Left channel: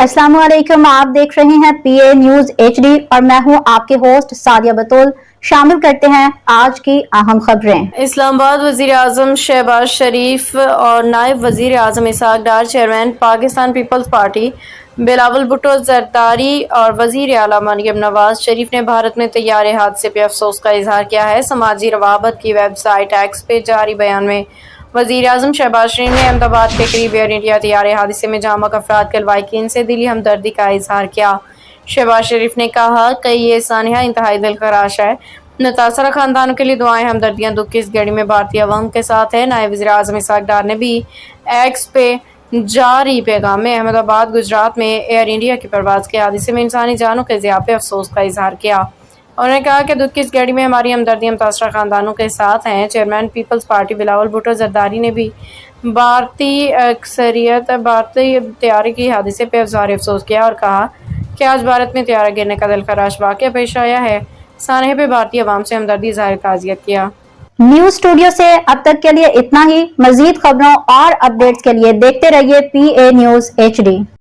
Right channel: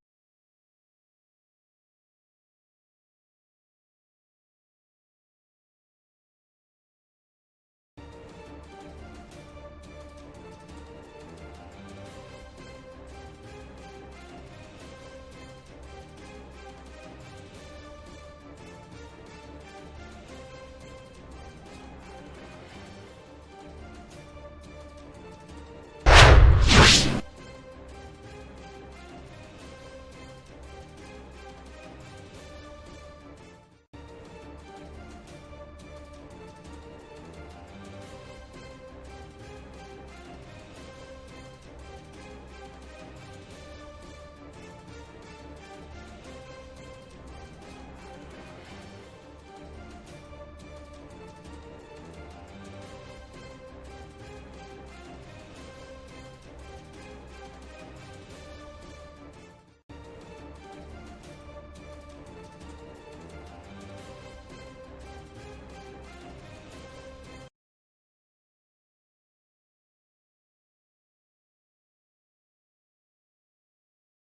अस्सलाम वालेकुम, आप देख रहे हैं पीए न्यूज एचडी और मैं हूं आपके होस्ट सादिया बतूल। शामिल करते हैं आज की अहम खबरें। इस्लामाबाद वज़ीर आज़म शहबाज शरीफ और नायब वज़ीर आज़म Ishaq Dar, chairman Pakistan peoples party Bilawal Bhutto Zardari और वज़ीर आला मरियम नवाज शरीफ ने भारत में तैयारे हादसे पे अफसोस का इजहार किया है। समाजी रवाबत की वेबसाइट एक्स पे जारी बयान में वज़ीर आज़म शहबाज शरीफ ने अहमदाबाद के करीब एयर इंडिया तैयारे हादसे में जामक अफराद के लवाहिकीन से दिली हमदर्दी का इजहार किया। शहबाज शरीफ ने कहा कि ये सानिया इंतहाई दिलखराश है। मुतासरा खानदानों के लिए दुआएं, हमदर्दियां दुख की इस घड़ी में भारतीय अवाम के साथ है। नायब वज़ीर आज़म इसहाक डार ने भी एक्स पे जारी पैगाम में अहमदाबाद गुजरात में एयर इंडिया की परवाज़ के हादसे में इंसानी जानों के ज़िया पे अफसोस का इजहार किया। उन्होंने कहा कि दुख की इस घड़ी में हमारी हमदर्दियां मुतासरा खानदानों के साथ हैं। चेयरमैन पीपल्स पार्टी बिलावल भुट्टो जरदारी ने भी भारतीय तैयारे की हादसे पर इज़हार अफसोस किया और कहा कि आज भारत में तैयारा गिरने का दिलखराश वाक़या पेश आया है। सानहे पे भारतीय अवाम से हमदर्दी इज़हार ताज़ियत किया। न्यूज स्टूडियो से अब तक के लिए इतना ही। मजीद खबरों और अपडेट्स के लिए देखते रहिए पीए न्यूज एचडी।